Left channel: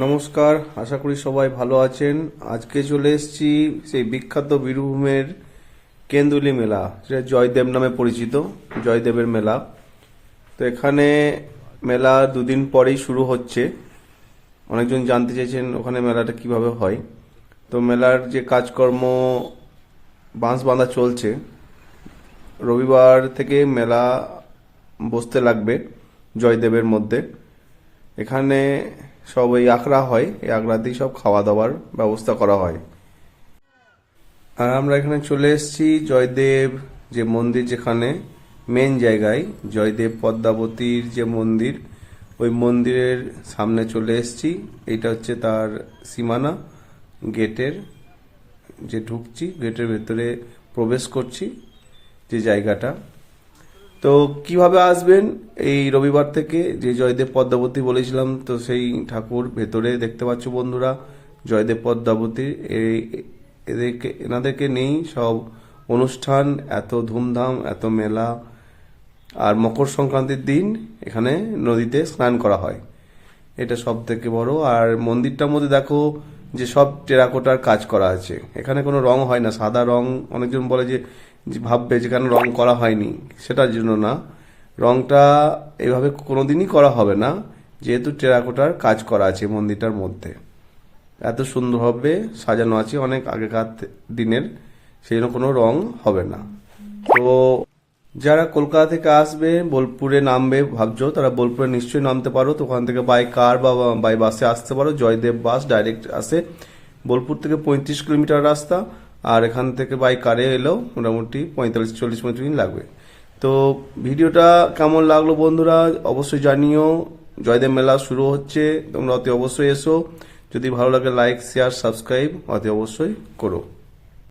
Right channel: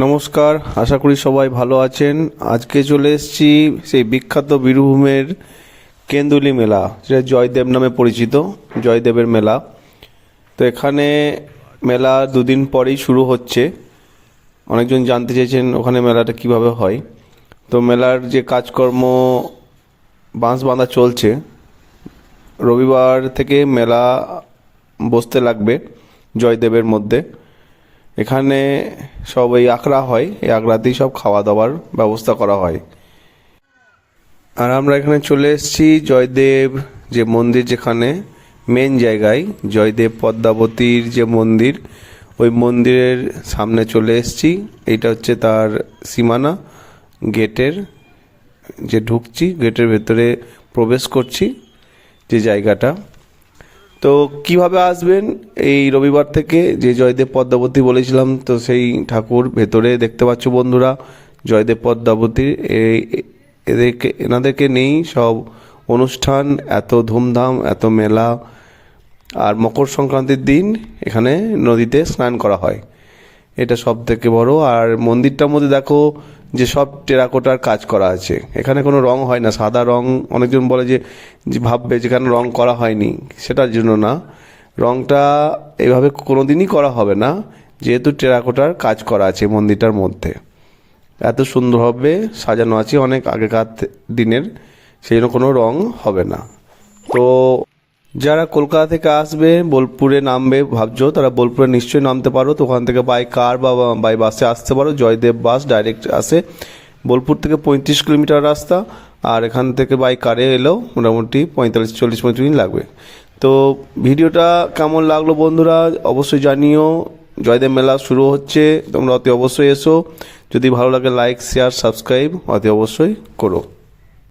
নমস্কার, আশা করি সবাই ভালো আছেন। আজকে চলে এসেছি সেই বিখ্যাত বীরভূমের কেন্দুলি মেলা, যেটা জয়দেব নামে পরিচিত, জয়দেবের মেলা। তো এখানে মেলা দুদিন পরেই শুরু হচ্ছে। অনেকজন জানতে চেয়েছেন ওখানে মেলাটা কিভাবে হয়। তো মেলার যে কাজকর্ম, বাঁশ বাঁধা চলছে। রবিবার থেকে মেলা বসতে লাগবে জয়দেবের মধ্যে। এখানে সব এই আখড়া হয়, এই আখড়াতেই সব খাওয়া দাওয়ার ব্যবস্থা করা হয়। আর আমরা এখানে চলে এসেছি জয়দেব যে মন্দির, যেখানে মেন জায়গায় জয়দেব পদ্মাবতীর যে মন্দির, ওই মন্দিরের সামনে চলে এসেছি। এইটা হচ্ছে তার সীমানা, গেটের যে ঢুকছি, গেটের ভেতরে প্রবেশ করছি যে জায়গাটা। তো কিভাবে আসবেন এই রবিবার থেকে, যে জয়দেব পদ্মাবতী বলেছিলাম, তো সেই ঠাকুর ভেতরে দেখতে পাচ্ছ বন্ধুরা, জয়দেব পদ্মাবতীর এনাদেরকে নেই সব অনুষ্ঠান, এত ধুমধাম, এত মেলা। আর মকর সংক্রান্তির দিন এখানে নদীতে স্নান করা হয়, এটা সব থেকে বড়। আর মন্দিরটার মধ্যে দেখো যে সব টেরাকোটার কাজ করা আছে, এখানে কোনো রং হয় না, সাদা রং। অনেকজন বলে যে ভাববে যেখানে রং করা হয়নি, সেটার জন্য না, রংটা এভাবে কোনোদিনই করা হবে না, যেহেতু টেরাকোটার কাজ করা আছে মন্দিরটার মধ্যে। এত সুন্দরভাবে সাজানো আছে অনেক আগেকার দিনের, সেই জন্য কোনো রং হবে না। তো যারা কলকাতা থেকে আসবে, বোলপুরে নামবে ভাবছো, তারা বোলপুরে নিশ্চয়ই নামতে পারো। তো ওখান থেকে বাই কার বা বাই বাসে আসতে পারো। জয়দেব বাস ডাইরেক্ট আসে, বোলপুর থেকে 35 কিলোমিটার রাস্তা। আর এখান থেকে বাই কারে এলেও মোটামুটি 40-45 মিনিট লাগবে। তো ভিডিওটা কেমন লাগলো বন্ধুরা অবশ্যই জানিও। জয়দেব মেলা শুরু হচ্ছে, তোমরা অতি অবশ্যই এসো। যদি ভালো লাগে লাইক, শেয়ার, সাবস্ক্রাইব অতি অবশ্যই করো।